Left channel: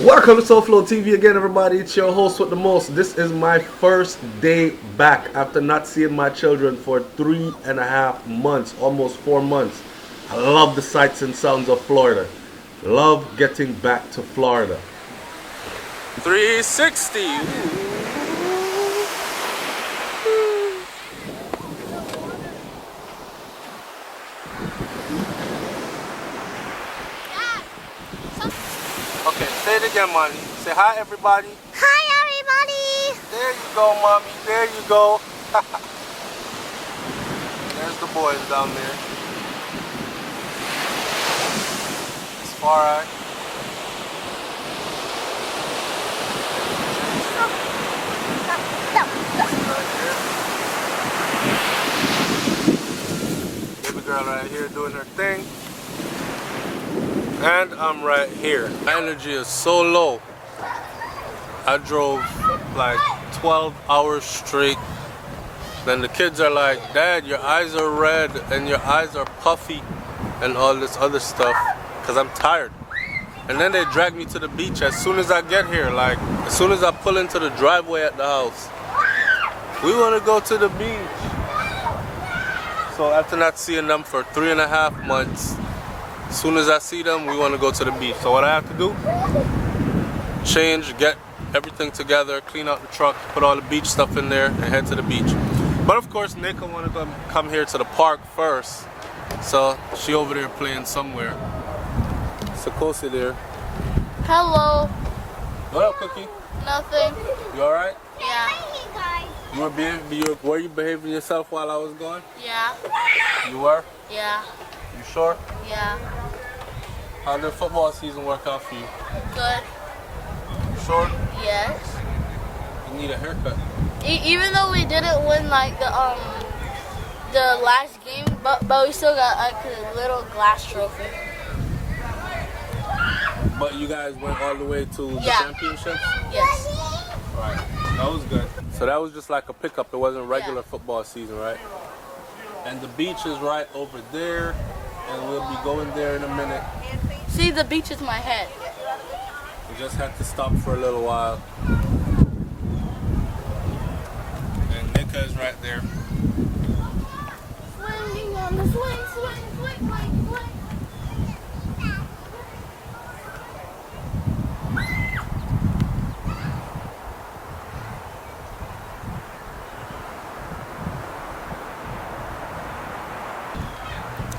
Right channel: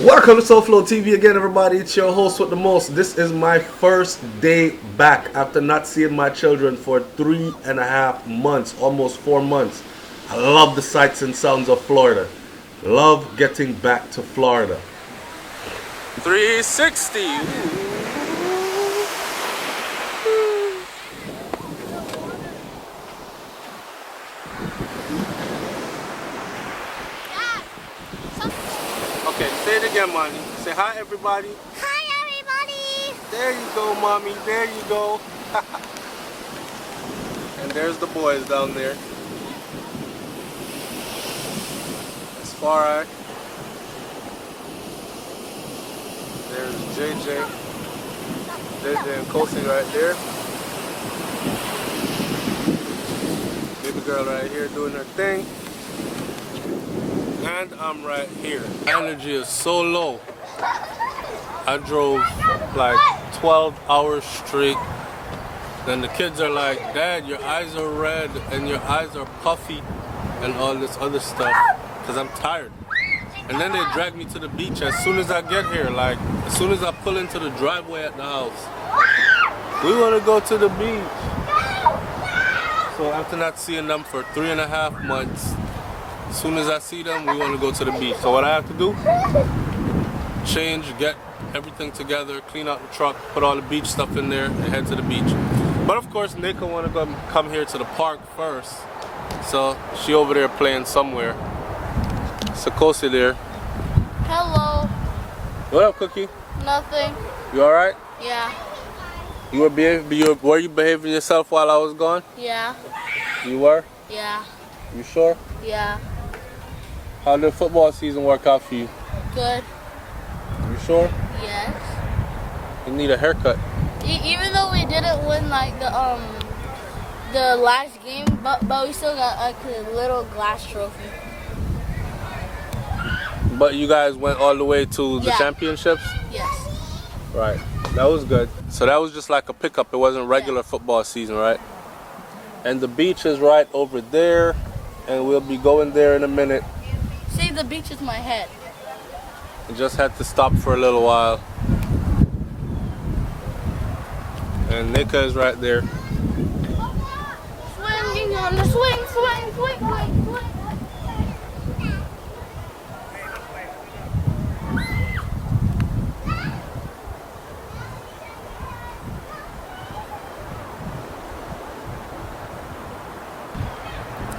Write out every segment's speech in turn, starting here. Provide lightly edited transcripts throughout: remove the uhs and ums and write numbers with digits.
Welcome to SOUFLOTV again, everybody. It's your host with the most. This is my first day back after not seeing my children for 3.5 months, almost 4 months. I love the sights and sounds of Florida. Love getting back to Florida. 360. Okay, say it again, Monty. Say hi, everybody. Hi, everybody! There you go, Mommy. There you go. And there's the boys down there. That's Farai. There's JJ. JJ and Kosi right there. Baby girl right here doing her thing. And I'm right here. My energy is so low. I drove like 12 hours straight. Then the kids are like, Dad, your eyes are red and your eyes are puffy and all this other stuff because I'm tired. And then they drag me to the beach as soon as I get here. Like, as soon as I pull into the driveway at the house. We want to go to the beach. So after not seeing them for 3.5 months, as soon as I see them, we want to go to the beach. So what I have to do, change, get everything together, clean out the truck, put all the beach stuff in there, and head to the beach. But of course, Nika want to come here to the park first. So she over there playing somewhere. Sakosi there. Hello. What up, Cookie? Nothing. You all right? Yeah. Were you behaving yourself while I was gone? Yeah. You were? Yeah. You sure? Yeah. How did football season work out for you? Good. You sure? Yes. You need a haircut. Even though we didn't win like the last game, but we still got like a little glass trophy. But you guys went all the way to the championships? Yes. Right. That was good. So that was just like a pickup. It wasn't regular football season, right? And the beach is right over there. And we'll be going there in a minute. See, the beach is my head. We just had to stop for a little while. And Nika is right there. Swinging on the swing, swing, swing, swing, swing.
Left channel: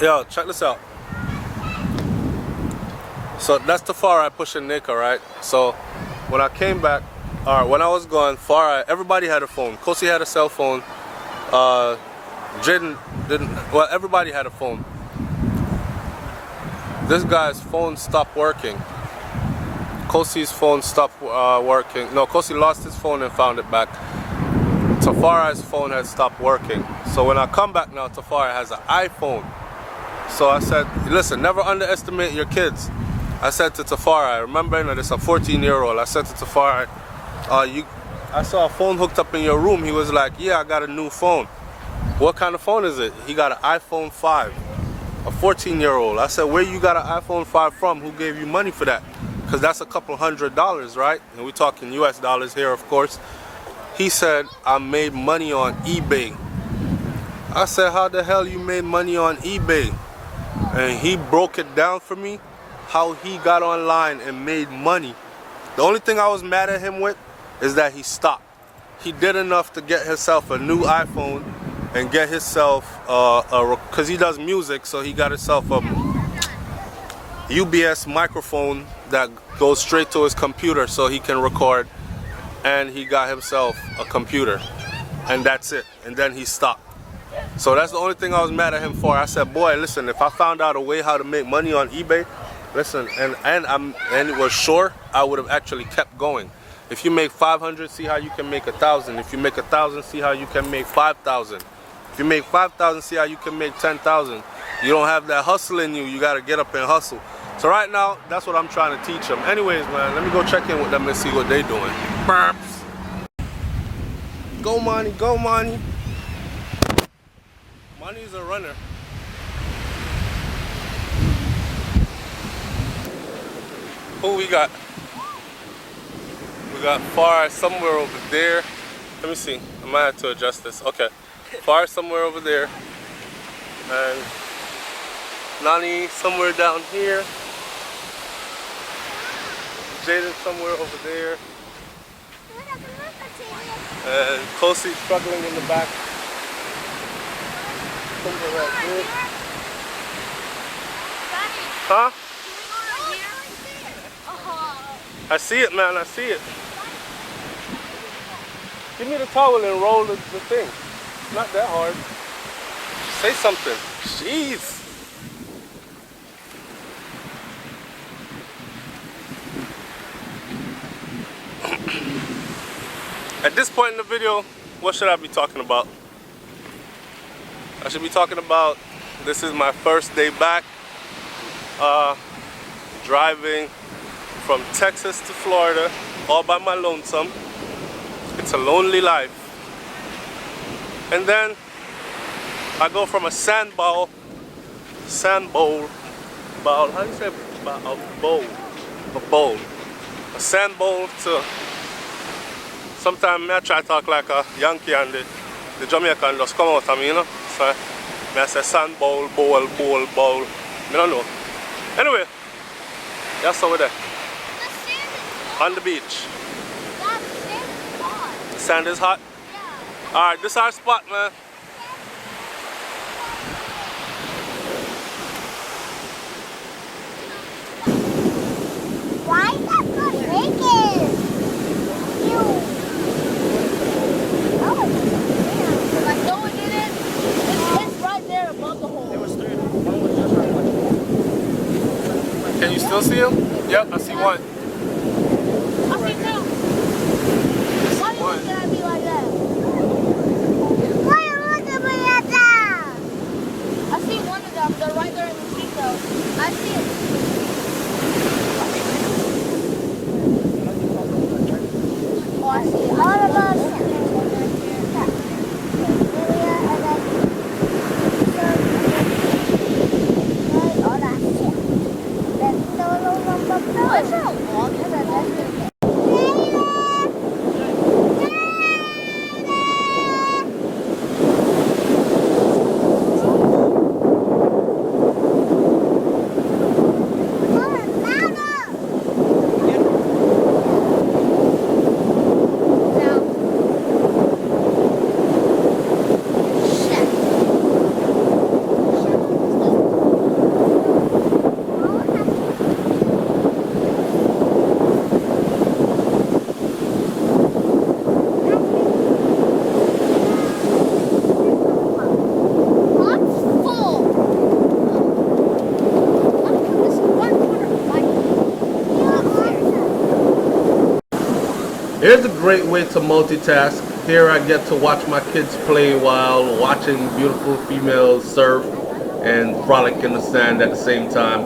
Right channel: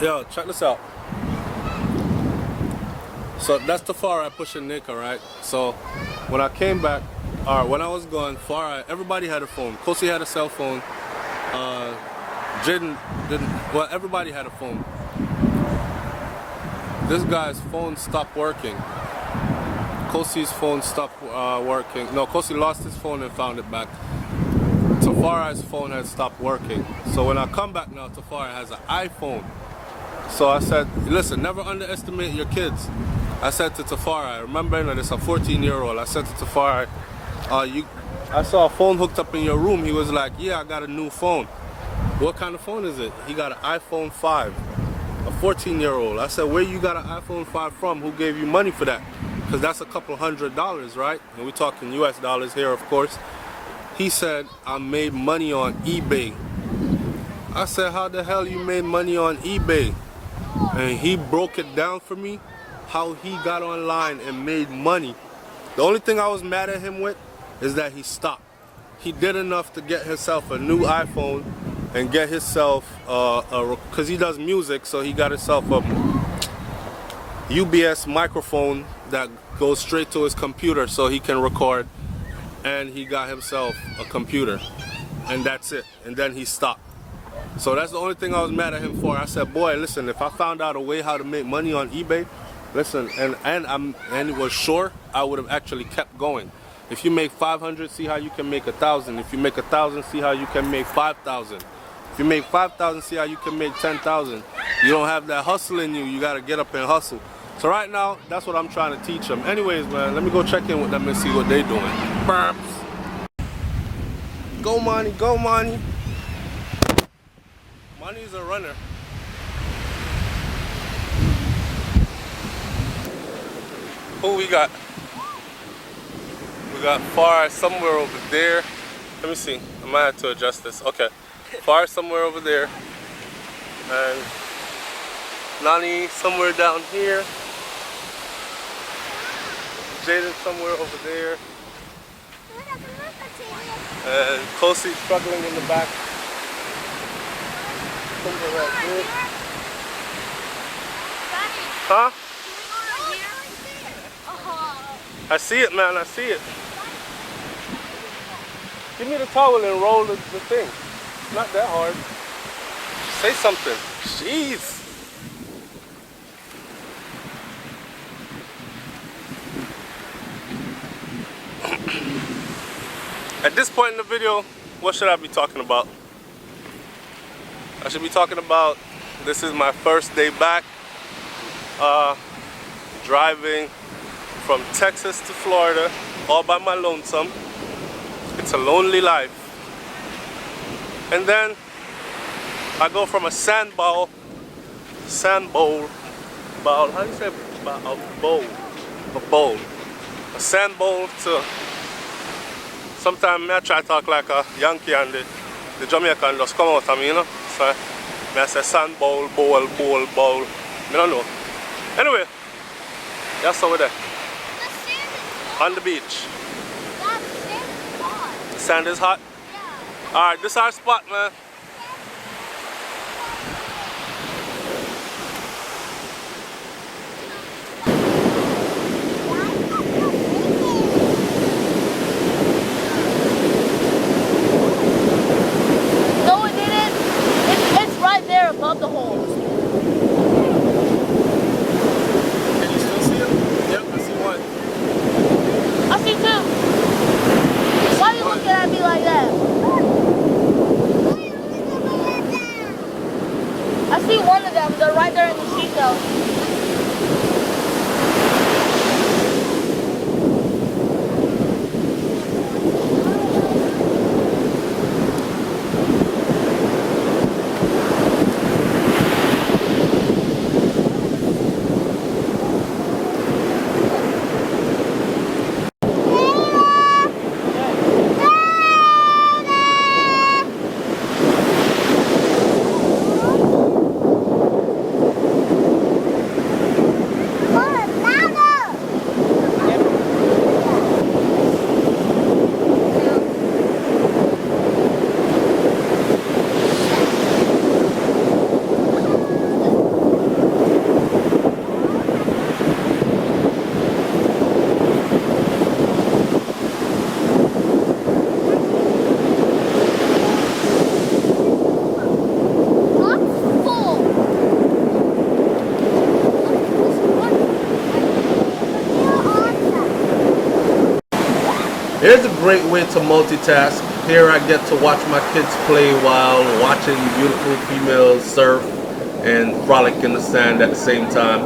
Yo, check this out. So that's the Farai pushing Nika, right? So when I came back, when I was gone, Farai, everybody had a phone. Kosi had a cell phone. Jaden didn't. Well, everybody had a phone. This guy's phone stopped working. Kosi's phone stopped working. No, Kosi lost his phone and found it back. Tafarai's phone has stopped working. So when I come back now, Tafarai has an iPhone. So I said, listen, never underestimate your kids. I said to Tafarai, remember, this a 14-year-old. I said to Tafarai, I saw a phone hooked up in your room. He was like, yeah, I got a new phone. What kind of phone is it? He got an iPhone 5, a 14-year-old. I said, where you got an iPhone 5 from? Who gave you money for that? Because that's a couple $100, right? And we're talking US dollars here, of course. He said, I made money on eBay. I said, how the hell you made money on eBay? And he broke it down for me, how he got online and made money. The only thing I was mad at him with is that he stopped. He did enough to get himself a new iPhone and get himself, because he does music, so he got himself a UBS microphone that goes straight to his computer so he can record. And he got himself a computer. And that's it. And then he stopped. So that's the only thing I was mad at him for. I said, boy, listen, if I found out a way how to make money on eBay, listen, and it was sure, I would have actually kept going. If you make 500, see how you can make 1,000. If you make 1,000, see how you can make 5,000. If you make 5,000, see how you can make 10,000. You don't have that hustle in you. You got to get up and hustle. So right now, that's what I'm trying to teach them. Anyways, man, let me go check in with them and see what they're doing. Burps. Go, Monty. Go, Monty. Monty's a runner. Who we got? got far somewhere over there. Let me see. I might have to adjust this. Okay. Far somewhere over there. And Nani somewhere down here. Jaden somewhere over there. And Kosi struggling in the back. Somewhere right there. Huh? I see it, man. I see it. Give me the towel and roll the thing. It's not that hard. Say something. Jeez. At this point in the video, what should I be talking about? I should be talking about this is my first day back. Driving from Texas to Florida all by my lonesome. It's a lonely life. And then I go from a sand bowl, how do you say a bowl, a sand bowl to, sometimes I try to talk like a Yankee and the Jamaican just come out of me, you know? So I say sand bowl, bowl. I don't know. Anyway, that's over there. On the beach. The sand is hot? Yeah. Alright, this is our spot, man. Why is that so naked? No, it didn't. It's right there above the hole. Can you still see him? Yep, I see one. I see two. Why are you looking at me like that? Why are you looking at me like that? I see one of them. They're right there in the seashells. I see them. Oh, I see all of us. Here's a great way to multitask. Here I get to watch my kids play while watching beautiful females surf and frolic in the sand at the same time.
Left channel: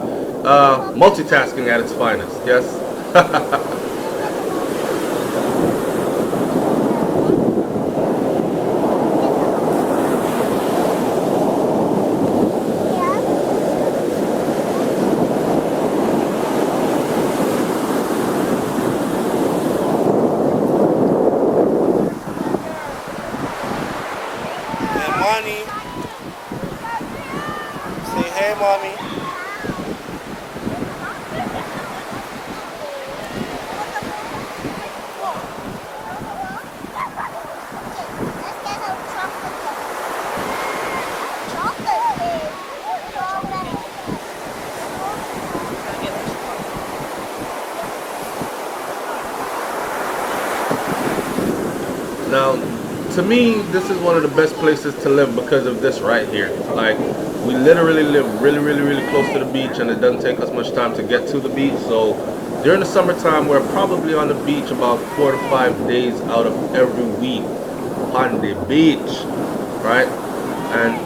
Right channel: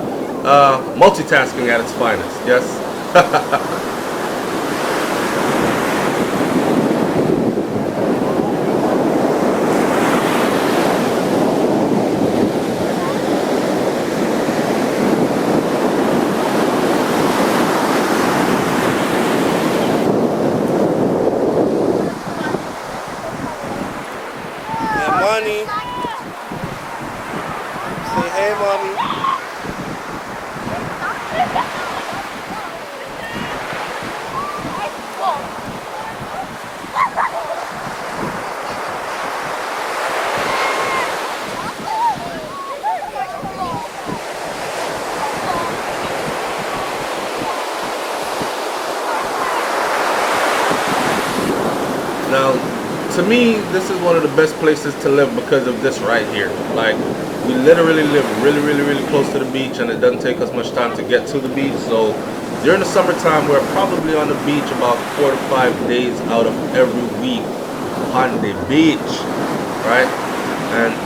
Multitasking at its finest, yes? Yeah, Money. Say hey, mommy. Now, to me, this is one of the best places to live because of this right here. Like, we literally live really close to the beach, and it doesn't take us much time to get to the beach. So during the summertime, we're probably on the beach about 4 to 5 days out of every week on the beach, right? And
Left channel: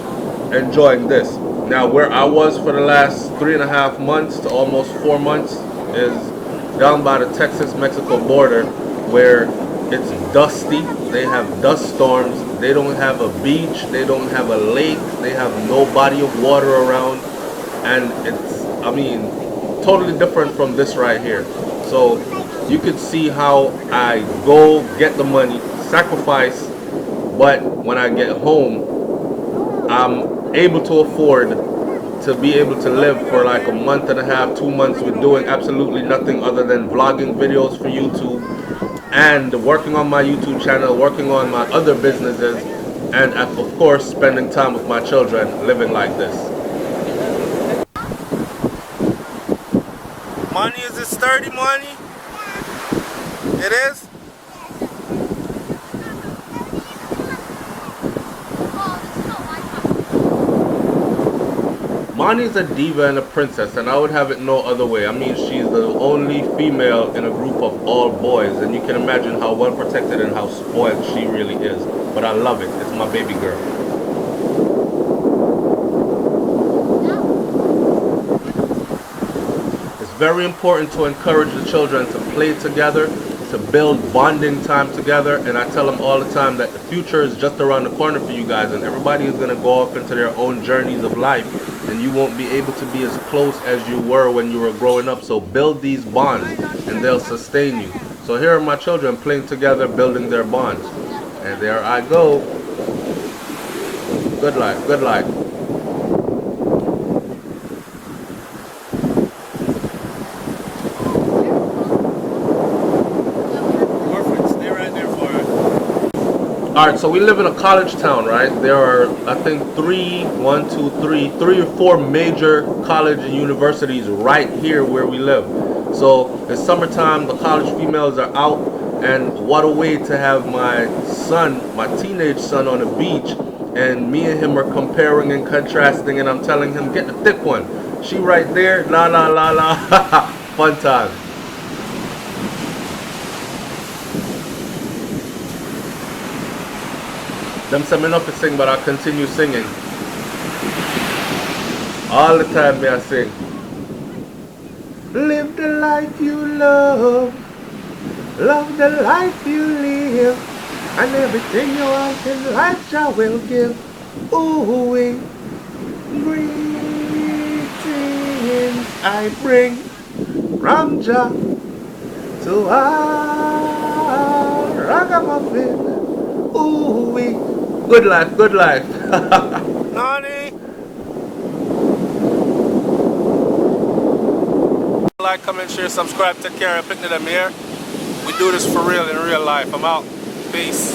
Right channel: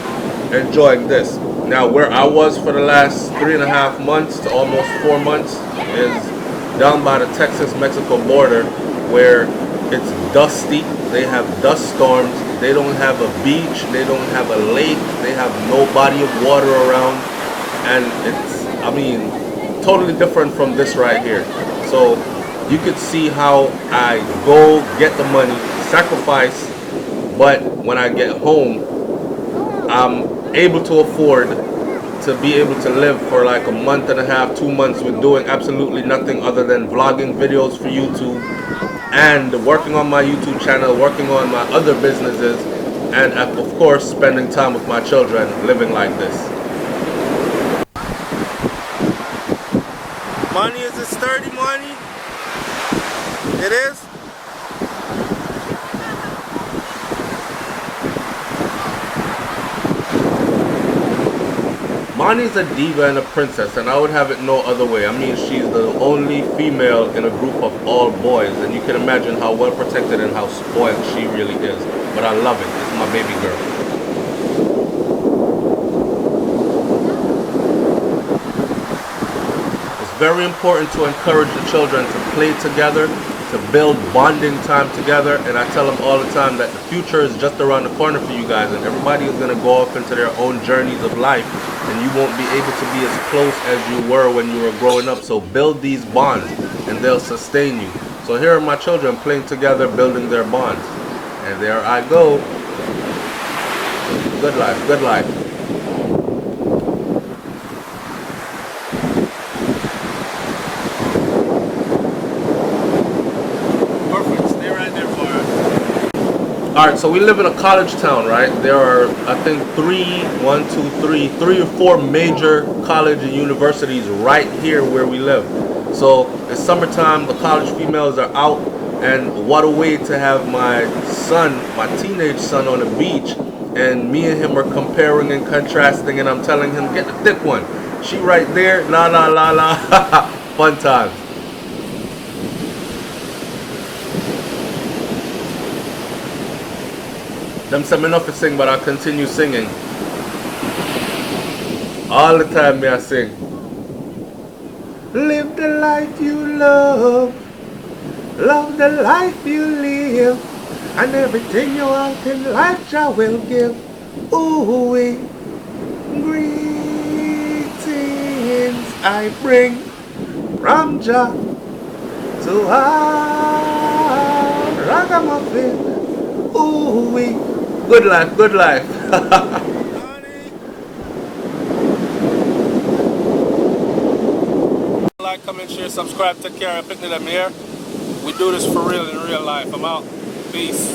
enjoying this. Now, where I was for the last 3.5 months to almost 4 months is down by the Texas-Mexico border, where it's dusty. They have dust storms. They don't have a beach. They don't have a lake. They have no body of water around. And it's, I mean, totally different from this right here. So you could see how I go get the money, sacrifice, but when I get home, I'm able to afford to be able to live for like a month and a half, 2 months with doing absolutely nothing other than vlogging videos for YouTube and working on my YouTube channel, working on my other businesses, and of course spending time with my children, living like this. Money, is it sturdy, money? It is? Money's a diva and a princess, and I would have it no other way. I mean, she's the only female in a group of all boys, and you can imagine how well protected and how spoiled she really is. But I love it. It's my baby girl. It's very important to encourage the children to play together, to build bonding time together, and I tell them all the time that the future is just around the corner for you guys, and everybody is going to go off into their own journeys of life, and you won't be able to be as close as you were when you were growing up. So build these bonds and they'll sustain you. So here are my children playing together, building their bonds, and there I go. Good life, good life. Perfect. Stay right there for us. Alright, so we live in a college town, right? There are, I think, three or four major college and universities right here where we live. So it's summertime, the college females are out, and what a way to have my son, my teenage son, on the beach, and me and him are comparing and contrasting, and I'm telling him, get the thick one. She right there, la la la la, fun times. Them say me not to sing, but I continue singing. All the time me I sing. Live the life you love. Love the life you live. And everything you want in life Jah will give. Ooh, greetings I bring from Jah to our ragamuffin. Ooh, good life, good life. Nani? Like, comment, share, subscribe, take care. Picnic them here. We do this for real in real life. I'm out. Peace.